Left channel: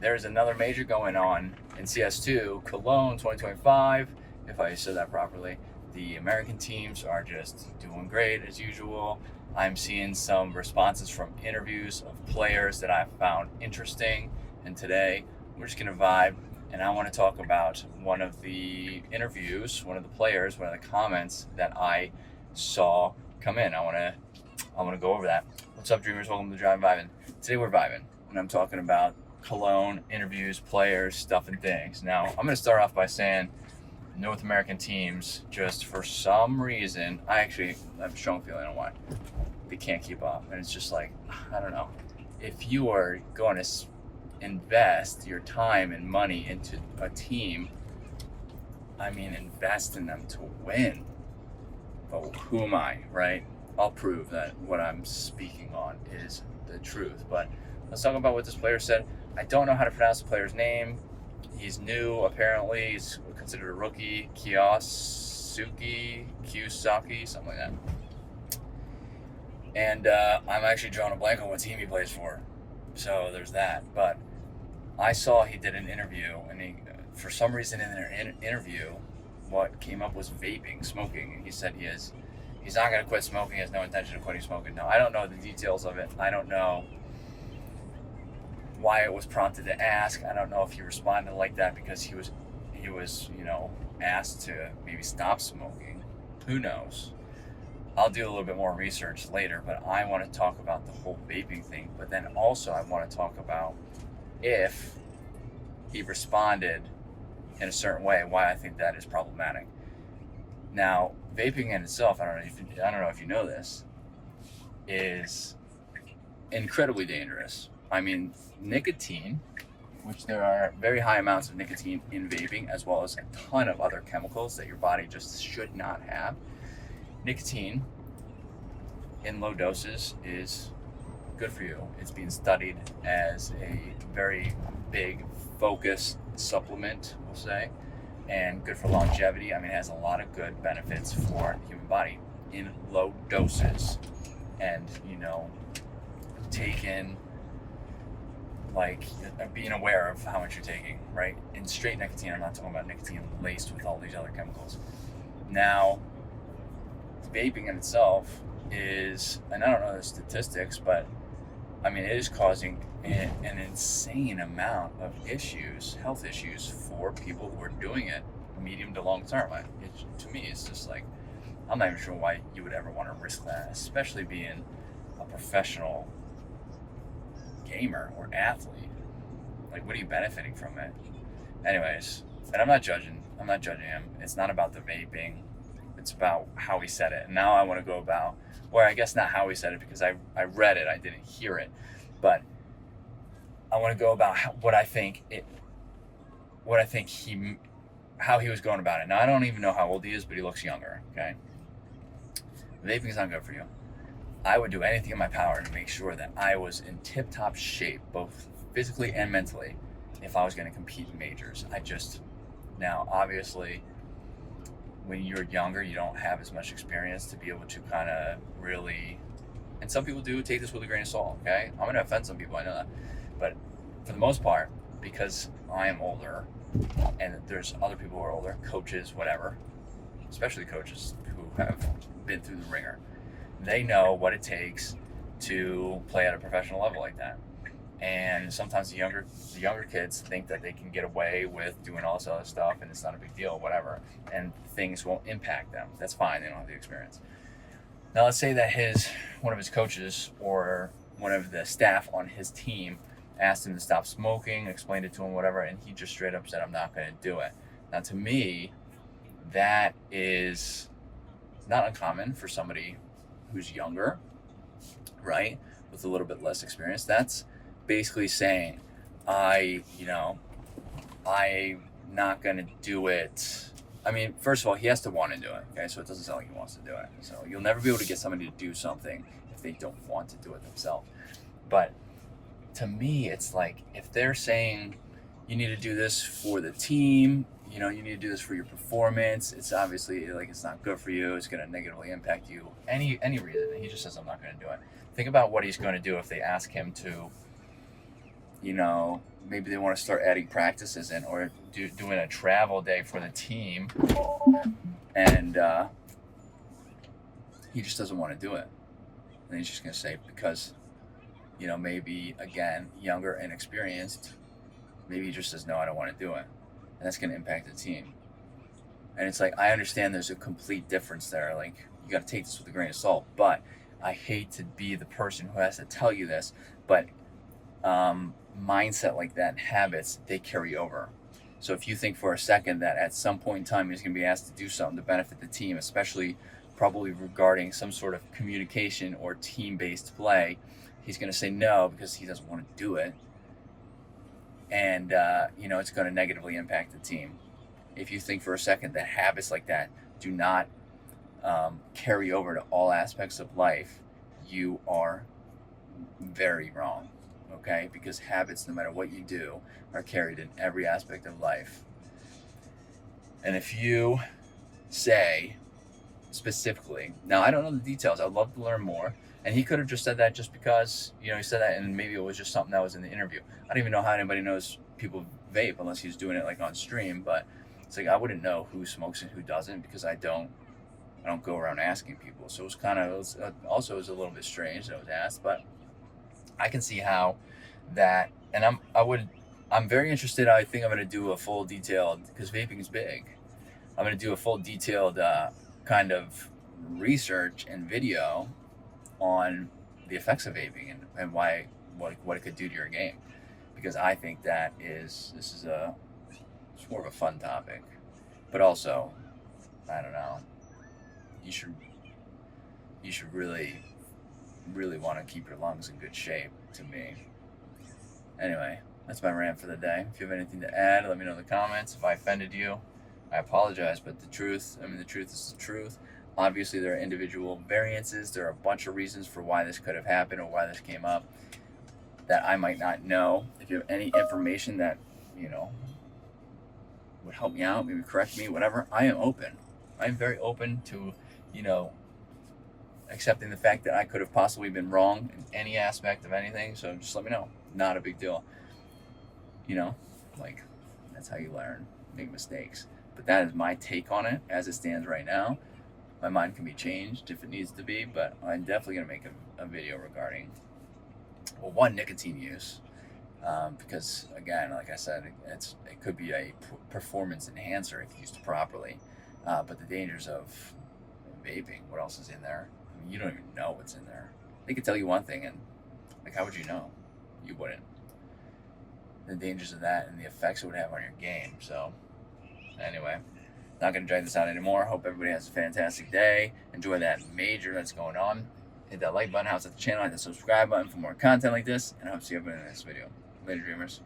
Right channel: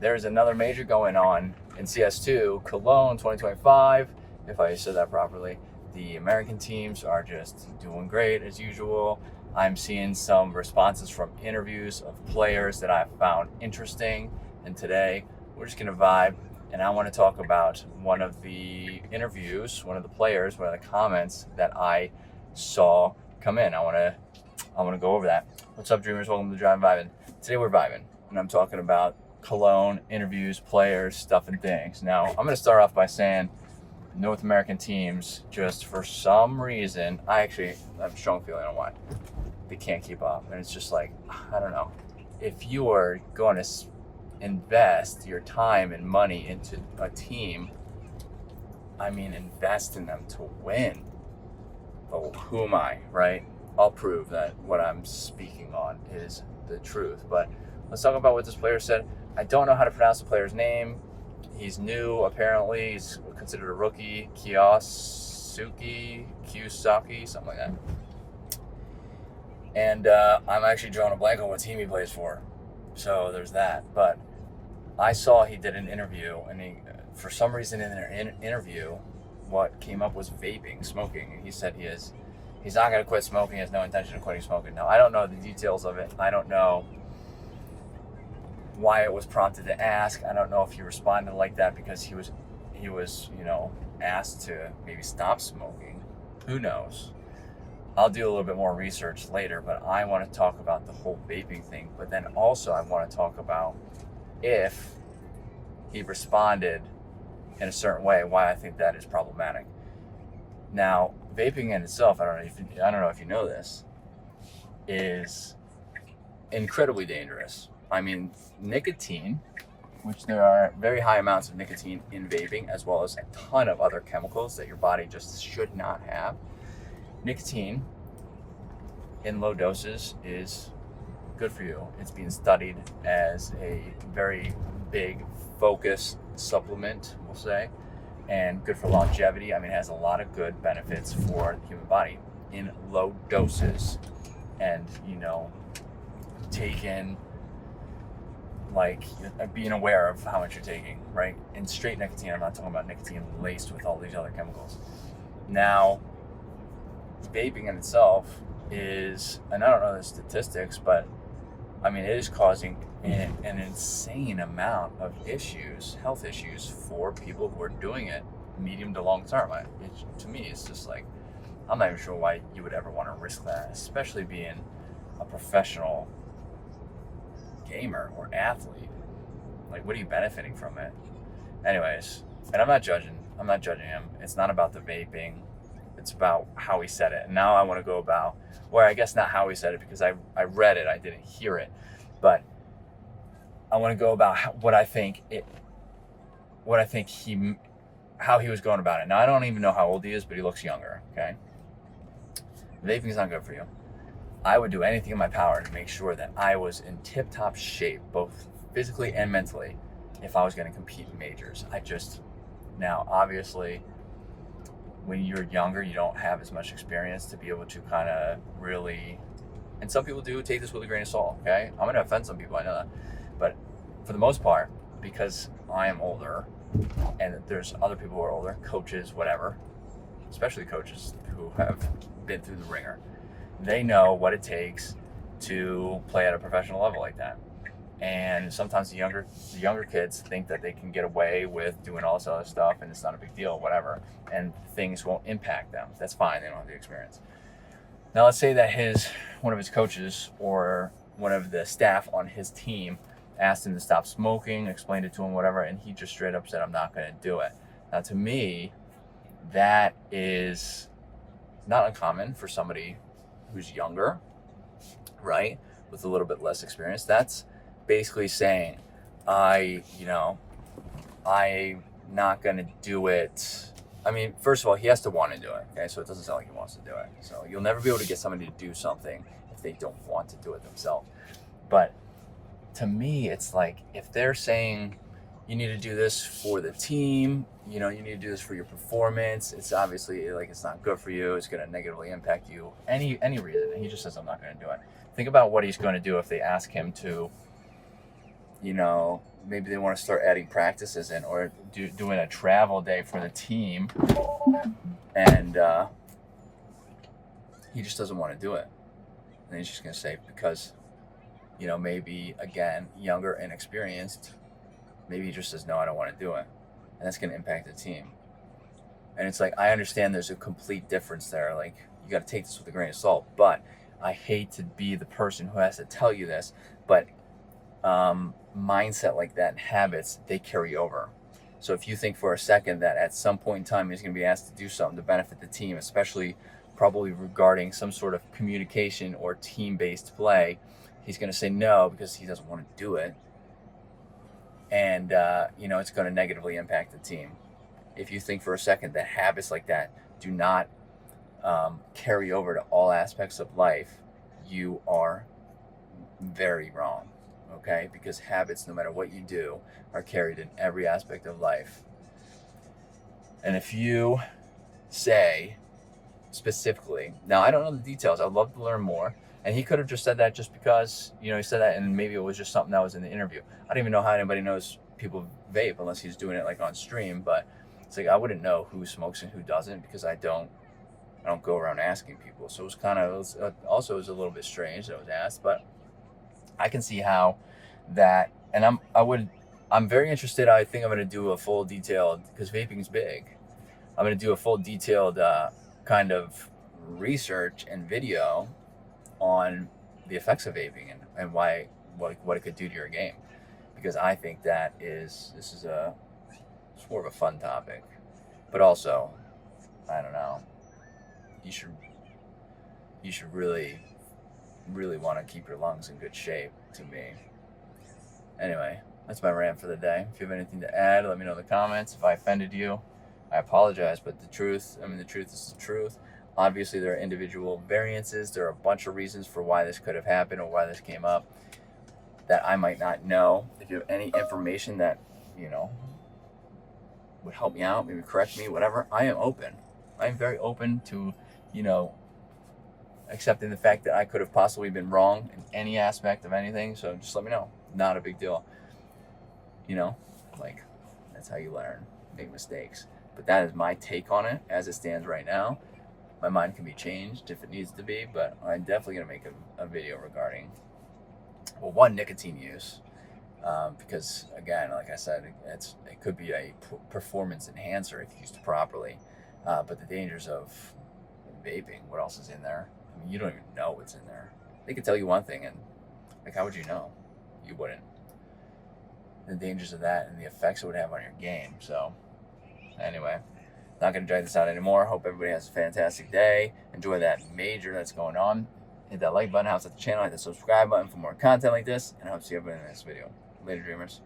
there's another major going on in CS2 Cologne 2025, if I said that properly. The American teams are just doing great as usual. I'm seeing some responses from interviews of players that I found interesting, and today we're just gonna vibe, and I want to talk about one of the interviews, one of the players, one of the comments that I saw come in. I want to go over that. What's up, dreamers? Welcome to Drive Vibing. Today we're vibing, and I'm talking about Cologne, interviews, players, stuff, and things. Now, I'm going to start off by saying North American teams, just for some reason, I have a strong feeling on why they can't keep up. And it's just like, I don't know. If you are going to invest your time and money into a team, invest in them to win. But who am I, right? I'll prove that what I'm speaking on is the truth. But let's talk about what this player said. I don't know how to pronounce the player's name. He's new, apparently. He's considered a rookie. Kiyosaki, something like that. And I'm actually drawing a blank on what team he plays for. So there's that. But I saw he did an interview, and for some reason in their interview, what came up was vaping, smoking. And he said he's not going to quit smoking. He has no intention of quitting smoking. Now, I don't know the details of it. I don't know why it was prompted to ask. I don't know if he responded like that because he was asked to maybe stop smoking. Who knows? I'll do a little bit more research later, but I want to talk about the whole vaping thing. But then also I want to talk about if he responded in a certain way, why I think that is problematic. Now, vaping in itself, I don't know if you know this, is incredibly dangerous. Nicotine, which there are very high amounts of nicotine in vaping, as well as a ton of other chemicals that your body just should not have. Nicotine in low doses is good for you. It's being studied as a very big focus supplement, we'll say, and good for longevity. It has a lot of good benefits for the human body in low doses. And, taking, being aware of how much you're taking, right? In straight nicotine, I'm not talking about nicotine laced with all these other chemicals. Now, vaping in itself is, and I don't know the statistics, but it is causing an insane amount of health issues for people who are doing it medium to long term. To me, it's just like, I'm not even sure why you would ever want to risk that, especially being a professional gamer or athlete. What are you benefiting from it? Anyways, and I'm not judging him. It's not about the vaping. It's about how he said it. And now I want to go about, well, I guess not how he said it, because I read it, I didn't hear it. But I want to go about how he was going about it. Now, I don't even know how old he is, but he looks younger, okay? Vaping is not good for you. I would do anything in my power to make sure that I was in tip-top shape, both physically and mentally, if I was going to compete in majors. Now, obviously, when you're younger, you don't have as much experience to be able to kind of really, and some people do take this with a grain of salt, okay? I'm going to offend some people, I know that. But for the most part, because I am older, and there's other people who are older, coaches, whatever, especially coaches who have been through the ringer, they know what it takes to play at a professional level like that. And sometimes the younger kids think that they can get away with doing all this other stuff and it's not a big deal, whatever, and things won't impact them. That's fine, they don't have the experience. Now, let's say that one of his coaches or one of the staff on his team asked him to stop smoking, explained it to him, whatever, and he just straight up said, I'm not going to do it. Now, to me, that is not uncommon for somebody who's younger, right, with a little bit less experience. That's basically saying, I'm not going to do it. First of all, he has to want to do it, okay? So it doesn't sound like he wants to do it. So you'll never be able to get somebody to do something if they don't want to do it themselves. But to me, it's like, if they're saying you need to do this for the team, you need to do this for your performance, it's obviously it's not good for you, it's going to negatively impact you, any reason, and he just says, I'm not going to do it. Think about what he's going to do if they ask him to maybe they want to start adding practices in, or doing a travel day for the team, and he just doesn't want to do it. And he's just going to say, because, maybe, again, younger, inexperienced, maybe he just says, no, I don't want to do it. And that's going to impact the team. And it's like, I understand there's a complete difference there. Like, you got to take this with a grain of salt. But I hate to be the person who has to tell you this, but mindset like that and habits, they carry over. So if you think for a second that at some point in time he's going to be asked to do something to benefit the team, especially probably regarding some sort of communication or team-based play, he's going to say no because he doesn't want to do it. And, it's going to negatively impact the team. If you think for a second that habits like that do not carry over to all aspects of life, you are very wrong, okay? Because habits, no matter what you do, are carried in every aspect of life. And if you say specifically, now I don't know the details, I'd love to learn more, and he could have just said that just because, he said that, and maybe it was just something that was in the interview. I don't even know how anybody knows people vape unless he's doing it like on stream, but it's like I wouldn't know who smokes and who doesn't because I don't go around asking people. So it was also a little bit strange that it was asked, but I can see how that, and I'm very interested. I think I'm going to do a full detailed, because vaping is big. I'm going to do a full detailed kind of research and video on the effects of vaping and why, what it could do to your game, because I think it's more of a fun topic, but also, I don't know, you should really, really want to keep your lungs in good shape, to me. Anyway, that's my rant for the day. If you have anything to add, let me know in the comments. If I offended you, I apologize, but the truth is the truth. Obviously, there are individual variances. There are a bunch of reasons for why this could have happened or why this came up that I might not know. If you have any information that, would help me out, maybe correct me, whatever, I am open. I am very open to, accepting the fact that I could have possibly been wrong in any aspect of anything. So just let me know. Not a big deal. That's how you learn. Make mistakes. But that is my take on it as it stands right now. My mind can be changed if it needs to be, but I'm definitely going to make a video regarding, nicotine use. Because, again, like I said, it could be a performance enhancer if used properly. But the dangers of vaping, what else is in there? I mean, you don't even know what's in there. They could tell you one thing, and how would you know? You wouldn't. The dangers of that and the effects it would have on your game. So, anyway, not going to drag this out anymore. Hope everybody has a fantastic day. Enjoy that major that's going on. Hit that like button, house at the channel, hit the subscribe button for more content like this, and I hope to see everybody in the next video. Later, dreamers.